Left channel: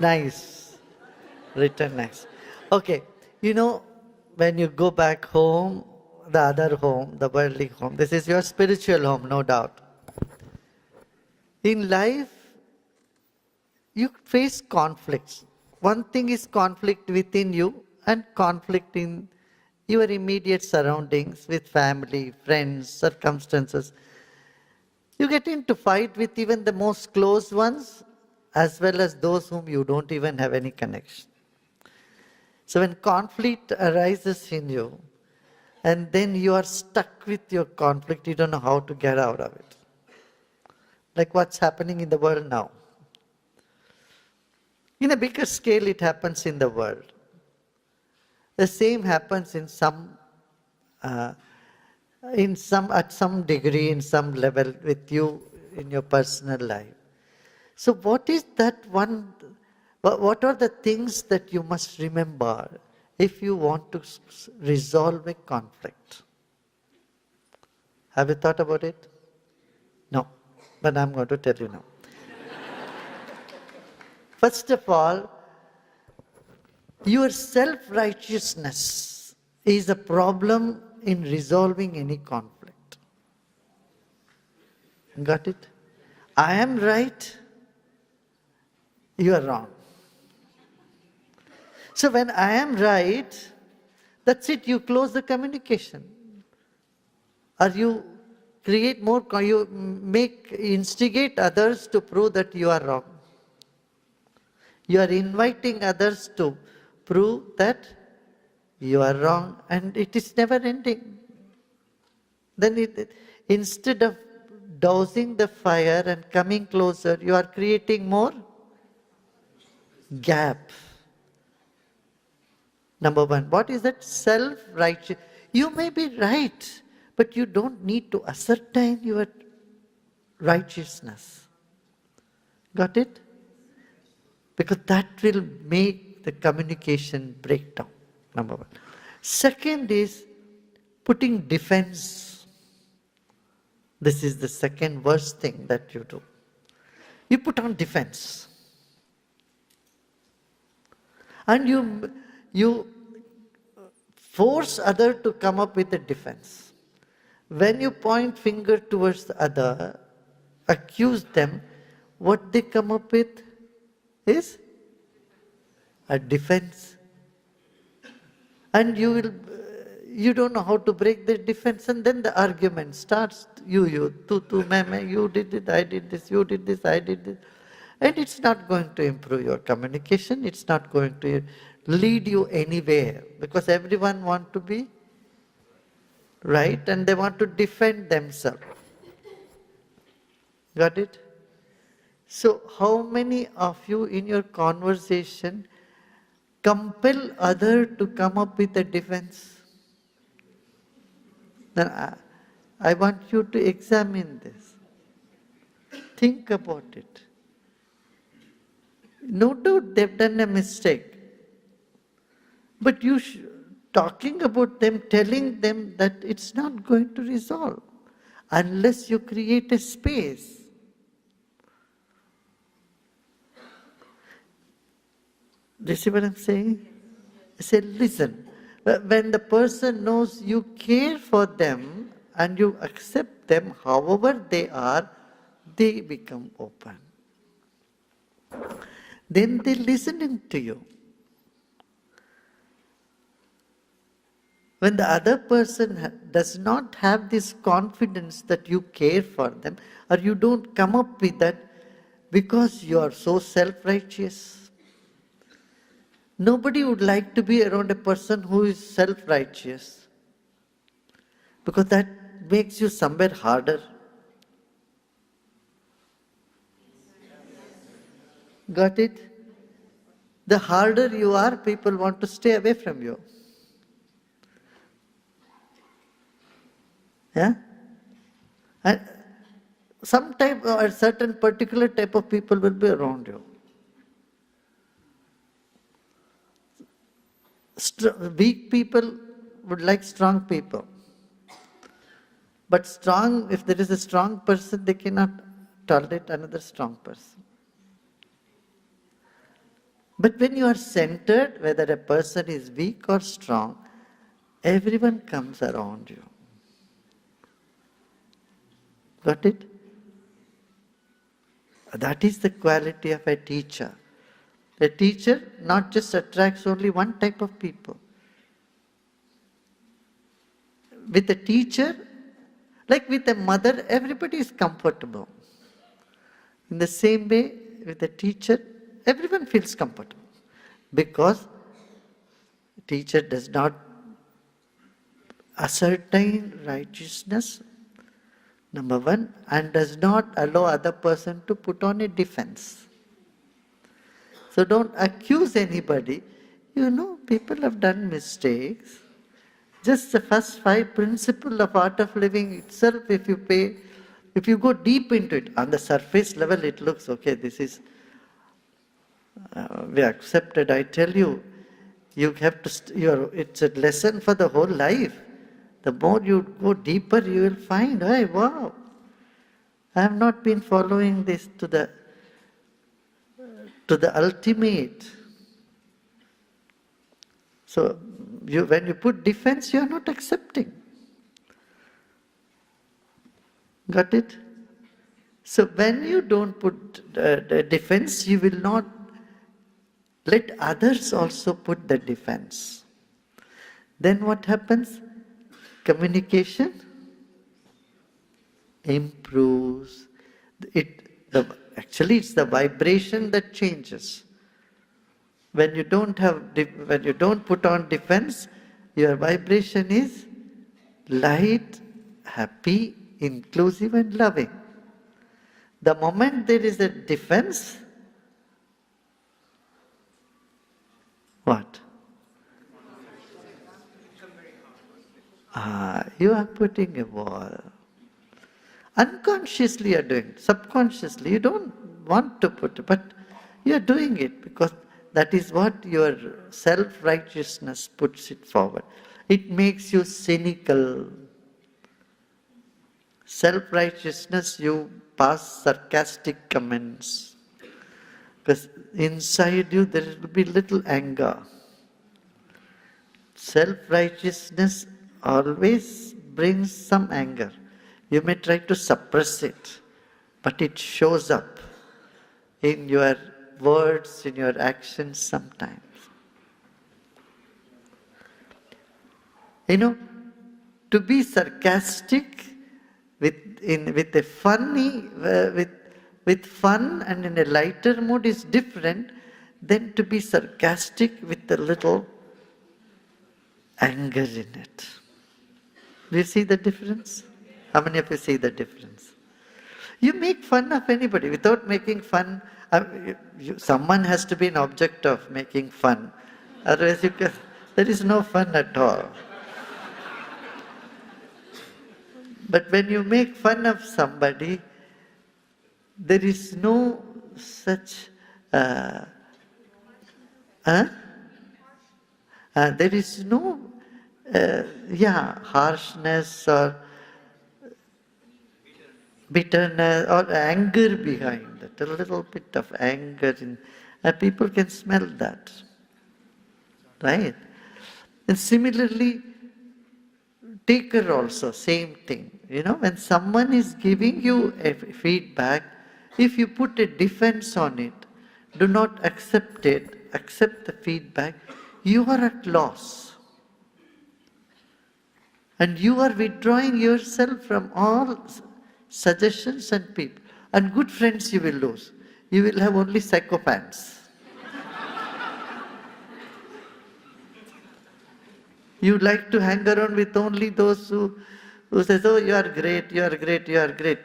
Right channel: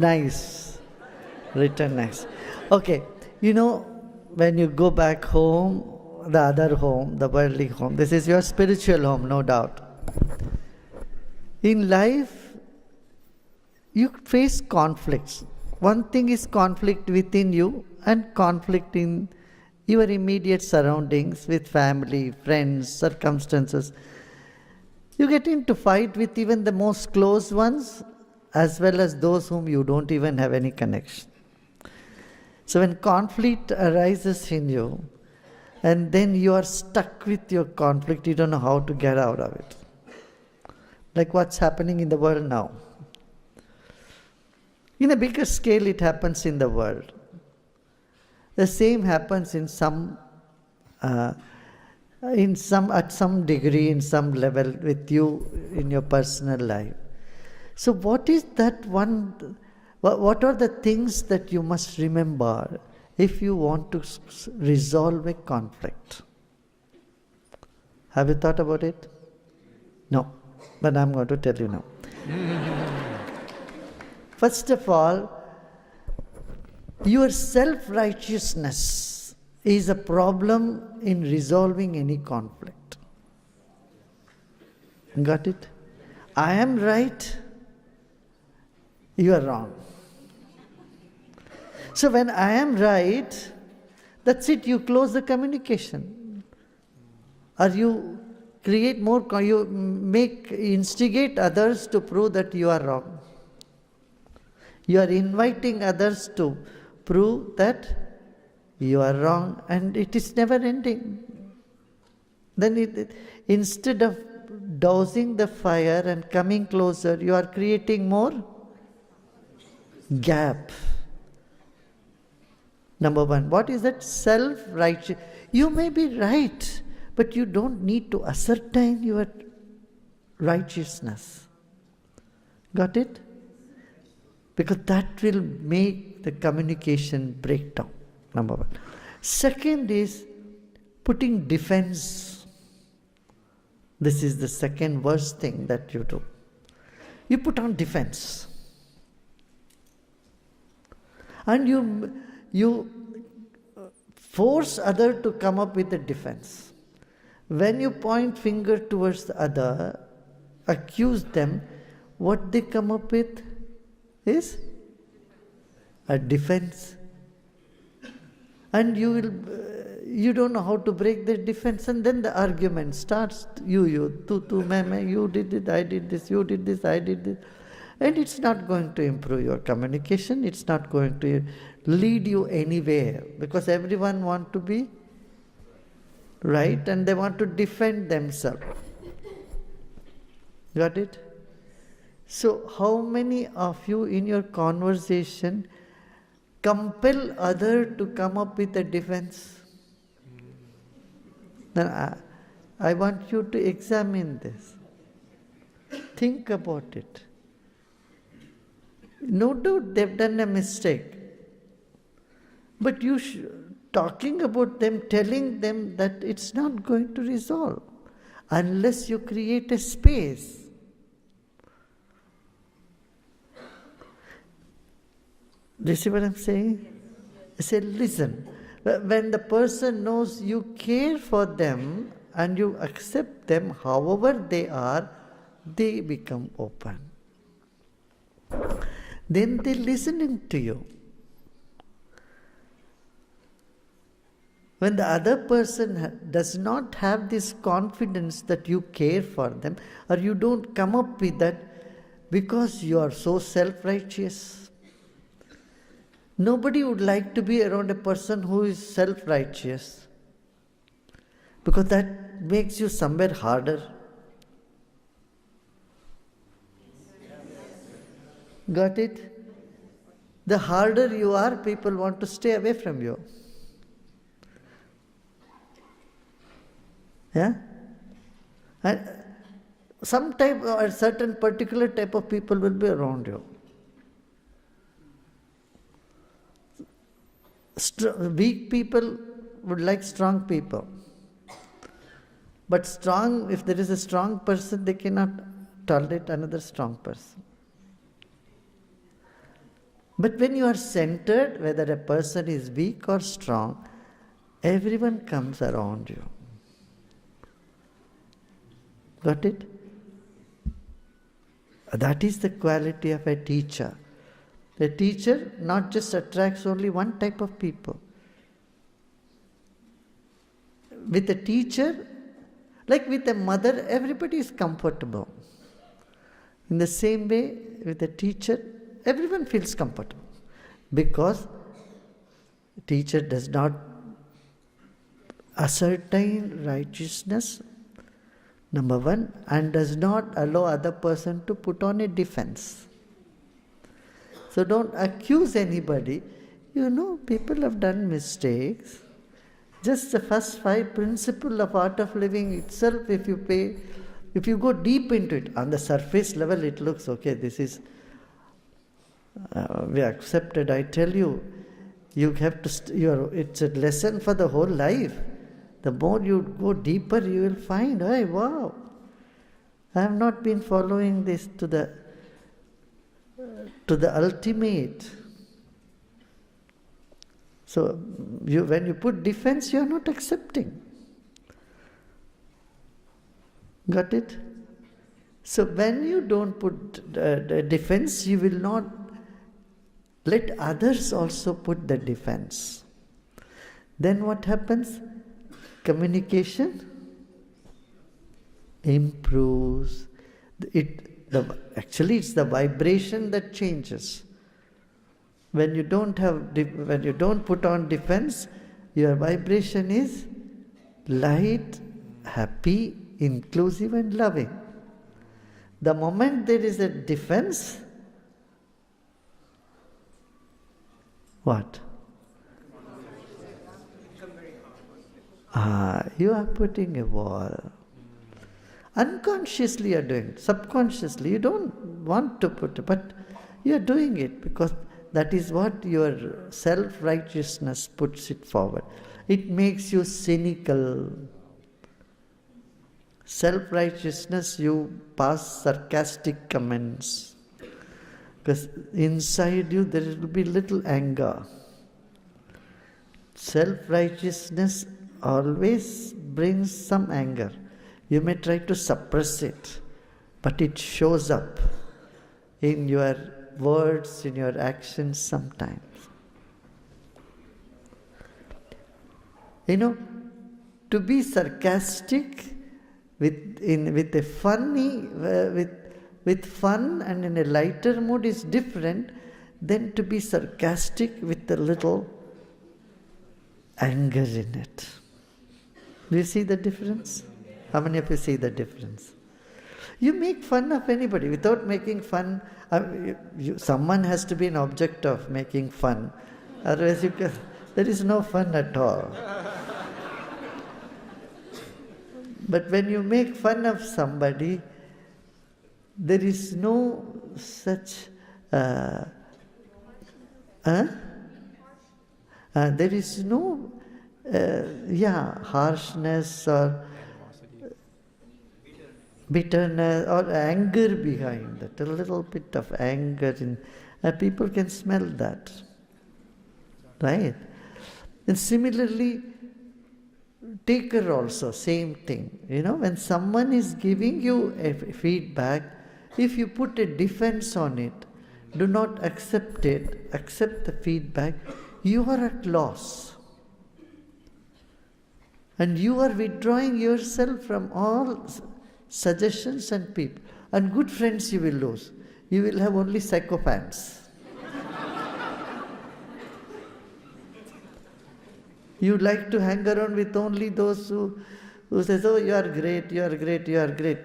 Nice. Written nice. Okay. When you go back home, the other home, the worldly home, this is your spiritual home, no doubt. In life, you face conflicts. One thing is conflict within you and conflict in your immediate surroundings with family, friends, circumstances. You get into fight with even the most close ones as well as those whom you don't even have any connection. So when conflict arises in you and then you are stuck with your conflict, you don't know how to get out of it. Like what's happening in the world now. In a bigger scale, it happens in the world. The same happens at some degree, in some level with you in your personal life. So what is that one, what are the things that you must remember if you want to resolve a conflict? Have you thought about it? No, but I'm going to tell you now. First of all, your self-righteousness is a problem in resolving any conflict. Got it? I am right, you are wrong. So when I am right, that's it, you close the communication. Or you create more, instigate others to prove that you are wrong. You are inviting others to prove that you are wrong, and it is never ending. Then instead of dousing the fire and coming closer, you are creating more gap. Number one, what is that? Self-righteous. You may be right, but you don't need to ascertain your righteousness. Got it? Because that will make the communication break down. Number one. Second is putting defense. This is the second worst thing that you do. You put on defense. And you force other to come up with a defense. When you point finger towards the other, accuse them, what they come up with is a defense. And you don't know how to break the defense, and then the argument starts. You, you did it, I did this, you did this, I did this. And it's not going to improve your communication, it's not going to lead you anywhere, because everyone wants to be right and they want to defend themselves. Got it? So how many of you in your conversation compel other to come up with a defense? Then I want you to examine this. Think about it. No doubt they've done a mistake. But talking about them, telling them that it's not going to resolve unless you create a space. Do you see what I'm saying? I say, listen, when the person knows you care for them and you accept them however they are, they become open. Then they're listening to you. When the other person does not have this confidence that you care for them, or you don't come up with that because you are so self-righteous. Nobody would like to be around a person who is self-righteous, because that makes you somewhere harder. Got it? The harder you are, people want to stay away from you. Yeah? And some type or a certain particular type of people will be around you. Weak people would like strong people. But if there is a strong person, they cannot tolerate another strong person. But when you are centered, whether a person is weak or strong, everyone comes around you. Got it? That is the quality of a teacher. A teacher not just attracts only one type of people. With a teacher, like with a mother, everybody is comfortable. In the same way, with a teacher, everyone feels comfortable. Because teacher does not ascertain righteousness, number one, and does not allow other person to put on a defense. So don't accuse anybody. You know, people have done mistakes. Just the first 5 principles of art of living itself, if you go deep into it, on the surface level it looks, okay, this is, we accepted. I tell you, you have to, it's a lesson for the whole life. The more you go deeper, you will find, hey, wow, I have not been following this to the ultimate. So, when you put defense, you are not accepting. Got it? So, when you don't put defense, you will not let others also put the defense. Then what happens? Communication improves. Actually, it's the vibration that changes. When you don't put on defense, your vibration is light, happy, inclusive and loving. The moment there is a defense, what? You are putting a wall. Unconsciously you are doing it. Subconsciously you don't want to put it, but you are doing it because that is what your self-righteousness puts it forward. It makes you cynical. Self-righteousness, you pass sarcastic comments. Because inside you there will be little anger. Self-righteousness always brings some anger. You may try to suppress it, but it shows up in your words, in your actions sometimes. You know, to be sarcastic with fun and in a lighter mood is different than to be sarcastic with a little anger in it. Do you see the difference? How many of you see the difference? You make fun of anybody without making fun. Someone has to be an object of making fun. Otherwise, there is no fun at all. But when you make fun of somebody, there is no such there is no harshness or bitterness or anger behind that. A little bit of anger people can smell that, right? And similarly, taker also, same thing. You know, when someone is giving you a feedback, if you put a defense on it, do not accept it, accept the feedback, you are at loss. And you are withdrawing yourself from all suggestions and people. And good friends you will lose. You will have only psychopaths. You like to hang around with only those who says, oh, you are great, you are great, you are great.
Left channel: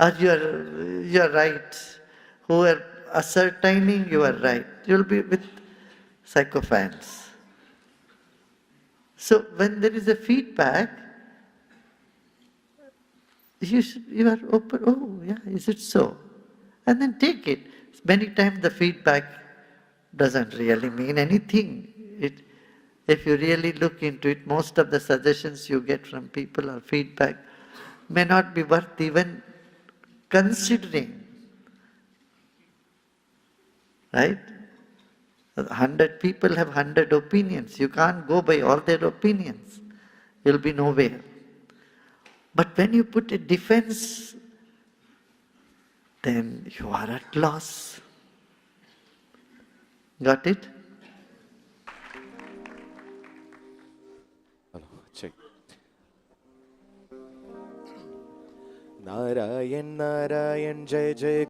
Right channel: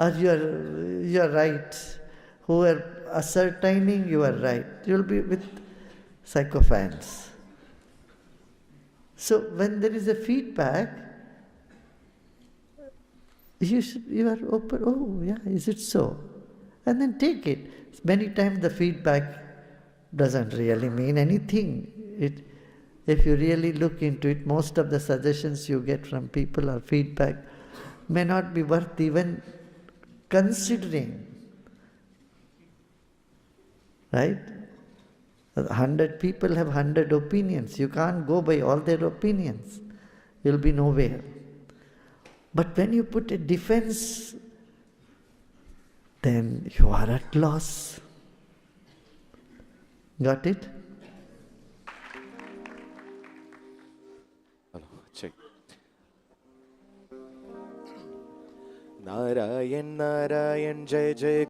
Or you are right. Who are ascertaining you are right. You will be with psychopaths. So when there is a feedback, you are open, oh yeah, is it so? And then take it. Many times the feedback doesn't really mean anything. If you really look into it, most of the suggestions you get from people or feedback may not be worth even considering. right? 100 people have 100 opinions. You can't go by all their opinions. You'll be nowhere. But when you put a defense, then you are at loss. Got it? Check. Narayan, Narayan, Jai Jai.